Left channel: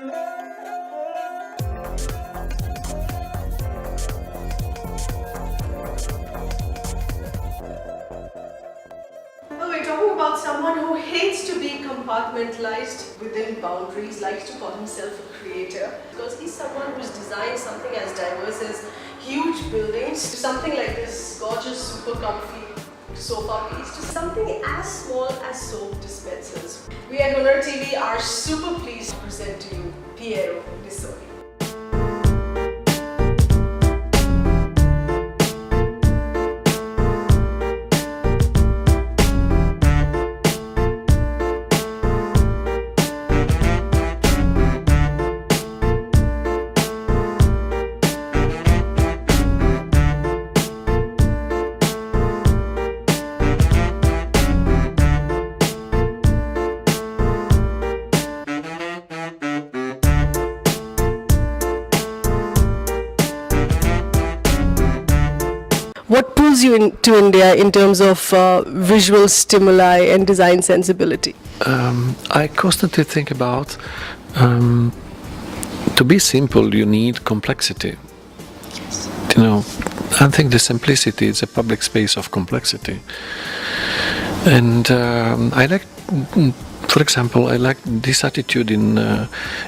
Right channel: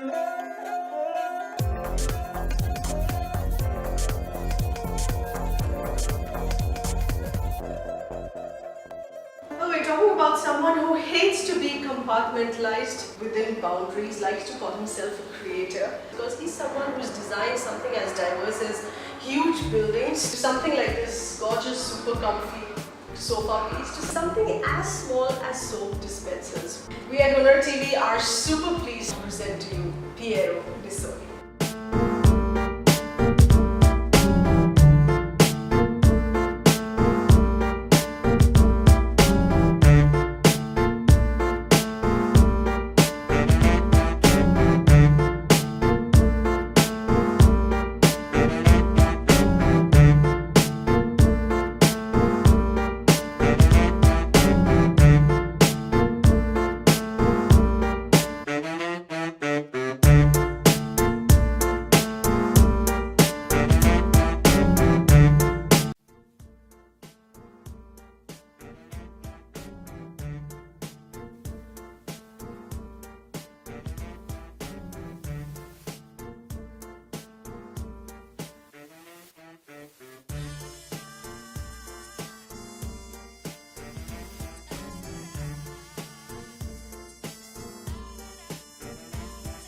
Well, we're talking about someone who hates to be compartmentalized within boundaries, likes to call himself a creator, because he's someone who's designed something as diverse as huge buildings, to something like this gorgeous, super comfy sofa piece, to something as small as soap dispensers. We at HunarTV are super pleased to present to you Piero Lissoni. What pulls you into India in terms of visual stimuli and design sensibility? I constantly think about to be simple, you need complexity. You know, I think the simplicity is a public space of complexity. And I like, for example, I like this attitude in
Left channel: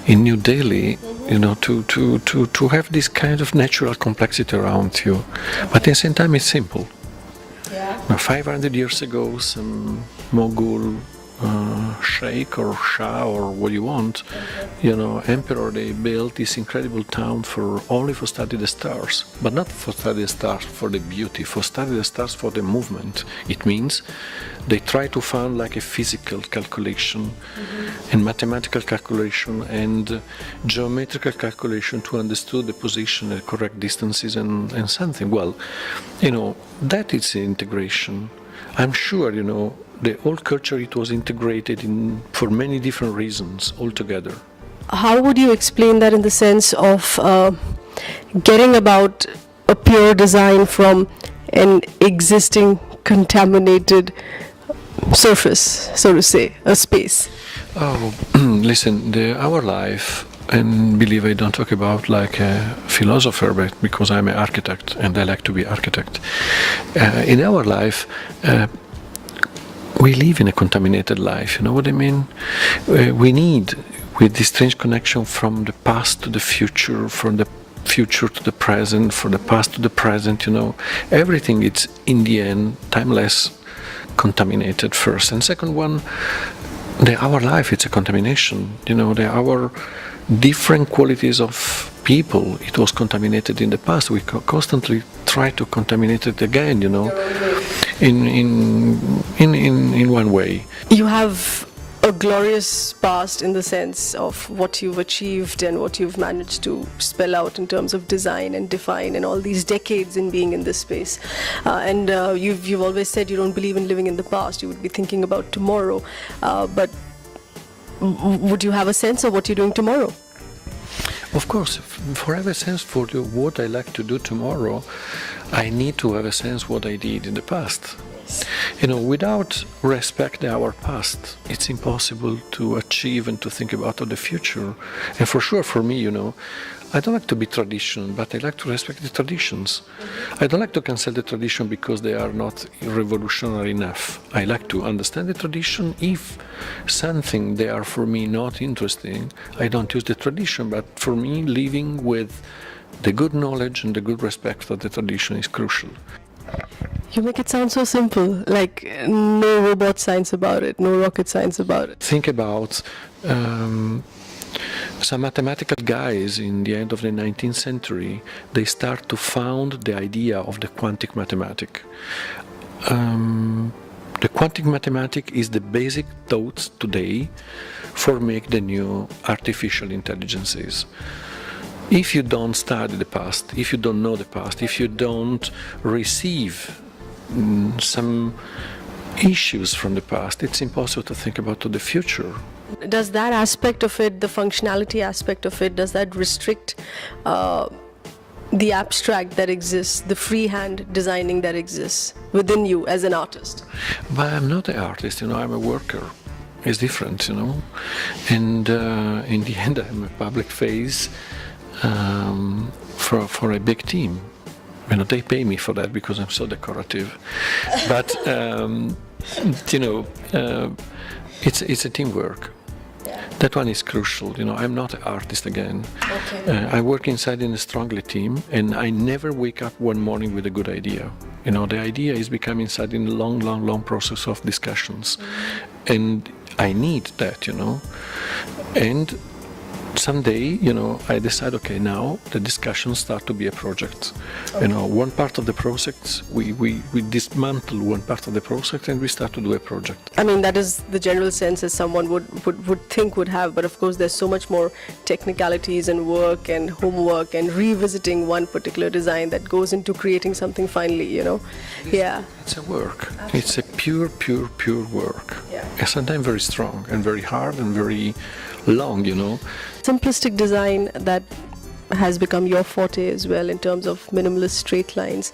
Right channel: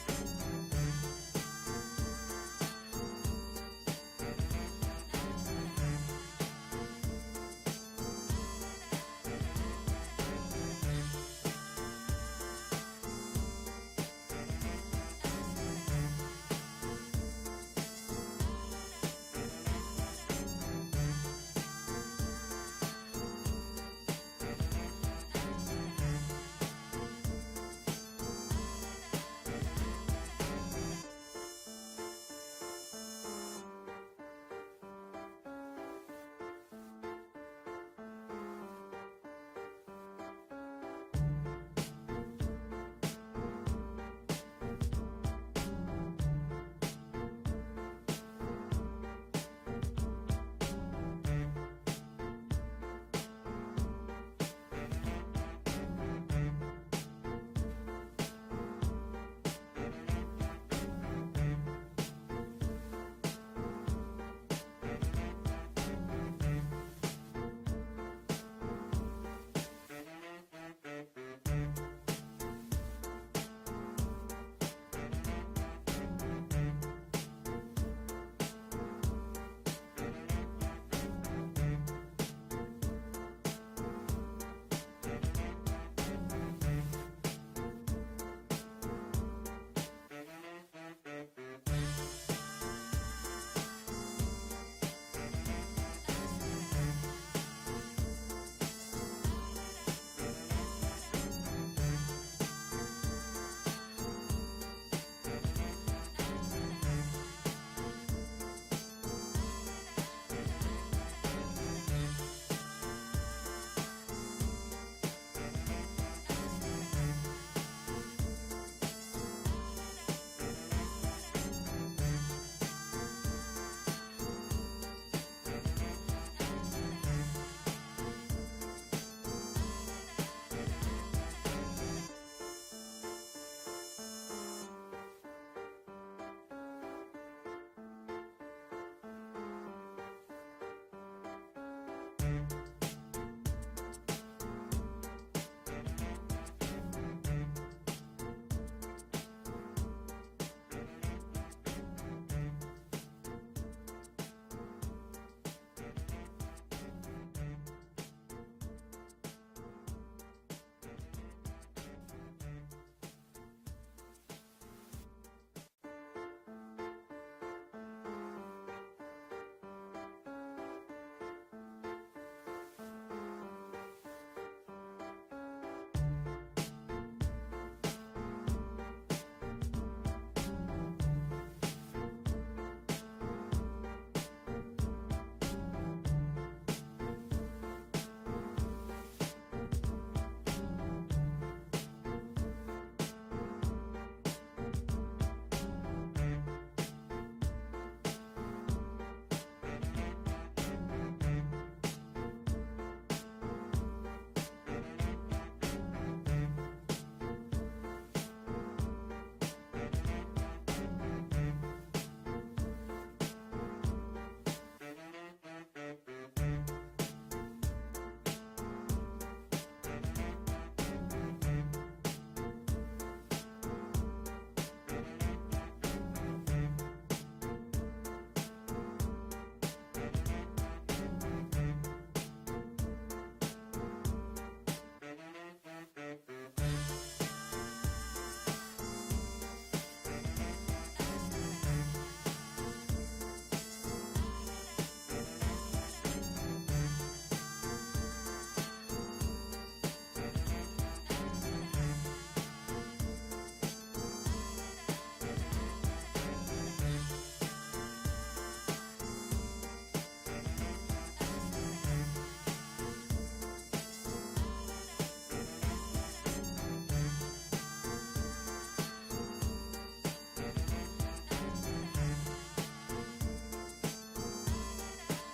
New Delhi. You know, to have this kind of natural complexity around you, but at the same time it's simple. Yeah. Now, 500 years ago, some Mughal sheikh or shah or what you want, you know, emperor, they built this incredible town for only for study the stars, but not for study the stars for the beauty, for study the stars for the movement. It means they try to find like a physical calculation and mathematical calculation and geometrical calculation to understand the position, the correct distances and something. Well, you know, that is the integration. I'm sure, you know, the whole culture, it was integrated in for many different reasons altogether. How would you explain that in the sense of getting about a pure design from an existing contaminated surface, so to say, a space? Oh, listen, our life, and believe I don't talk about like a philosopher, but because I'm an architect and I like to be architect. In our life, we live in a contaminated life, you know what I mean? We need, with this strange connection from the past to the future, from the future to the present, from the past to the present, you know, everything is in the end timeless, contaminated first. And second one, our life, it's a contamination, you know, our different qualities of people, it was contaminated in the past. We constantly try to contaminate it again, you know, in one way. You have a glorious past in the sense of what you've achieved and what you've managed to spell out in terms of design and define and all these decades in being in this space. And you've always said you don't believe in living in the past, you would be thinking about tomorrow. But would you have a sense of what you're doing tomorrow? Of course, for have a sense for what I like to do tomorrow, I need to have a sense what I did in the past. You know, without respect our past, it's impossible to achieve and to think about the future. And for sure, for me, you know, I don't like to be traditional, but I like to respect the traditions. I don't like to cancel the tradition because they are not revolutionary enough. I like to understand the tradition. If something they are for me not interesting, I don't use the tradition, but for me, living with the good knowledge and the good respect for the tradition is crucial. You make it sound so simple, like no robot science about it, no rocket science about it. Think about some mathematical guys in the end of the 19th century, they start to found the idea of the quantum mathematics. The quantum mathematics is the basic thoughts today for make the new artificial intelligences. If you don't study the past, if you don't know the past, if you don't receive some issues from the past, it's impossible to think about the future. Does that aspect of it, the functionality aspect of it, does that restrict the abstract that exists, the freehand designing that exists within you as an artist? But I'm not an artist, you know, I'm a worker. is different, you know. And in the end, I'm a public face for a big team. You know, they pay me for that because I'm so decorative. But you know, it's a teamwork. That one is crucial. You know, I'm not an artist again. Okay. I work inside in a strongly team, and I never wake up one morning with a good idea. You know, the idea is becoming inside in a long process of discussions, and I need that. You know, and someday, you know, I decide, okay, now the discussions start to be a project. Okay. You know, one part of the project, we dismantle one part of the project and we start to do a project. I mean, that is the general sense as someone would think would have, but of course there's so much more technicalities and work and homework and revisiting one particular design that goes into creating something finally, you know. Yeah. It's a work. Absolutely. It's a pure work. Yeah. And sometimes very strong and very hard and very long, you know. Simplistic design that has become your forte as well in terms of minimalist straight lines.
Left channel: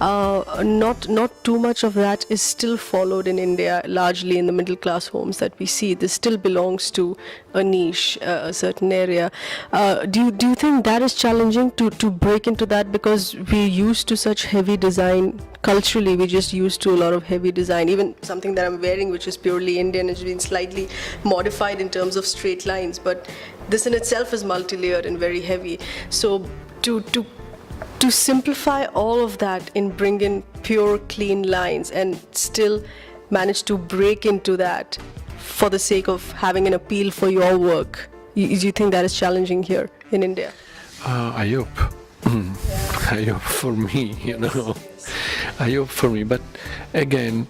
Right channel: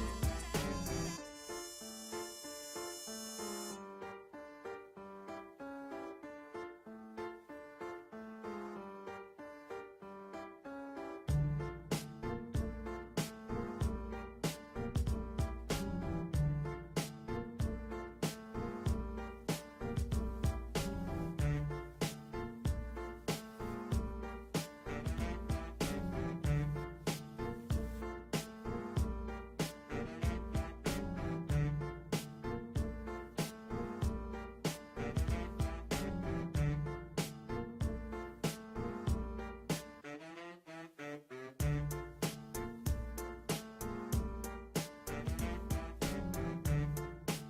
Not too much of that is still followed in India, largely in the middle class homes that we see. This still belongs to a niche, a certain area. Do you think that is challenging to break into that, because we're used to such heavy design culturally? We're just used to a lot of heavy design. Even something that I'm wearing, which is purely Indian, has been slightly modified in terms of straight lines, but this in itself is multi-layered and very heavy. So to simplify all of that and bring in pure, clean lines and still manage to break into that for the sake of having an appeal for your work, do you think that is challenging here in India? I hope. I hope for me, you know. I hope for me. But again,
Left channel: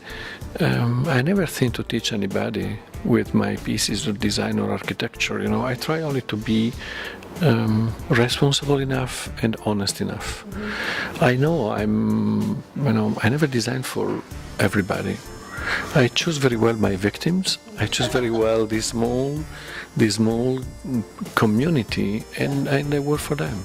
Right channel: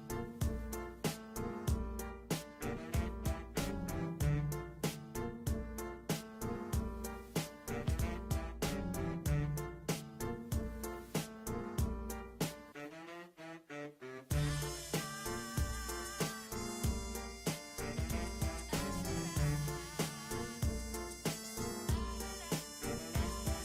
I never think to teach anybody with my pieces of design or architecture. You know, I try only to be responsible enough and honest enough. I know I never design for everybody. I choose very well my victims. I choose very well this small community, and I work for them.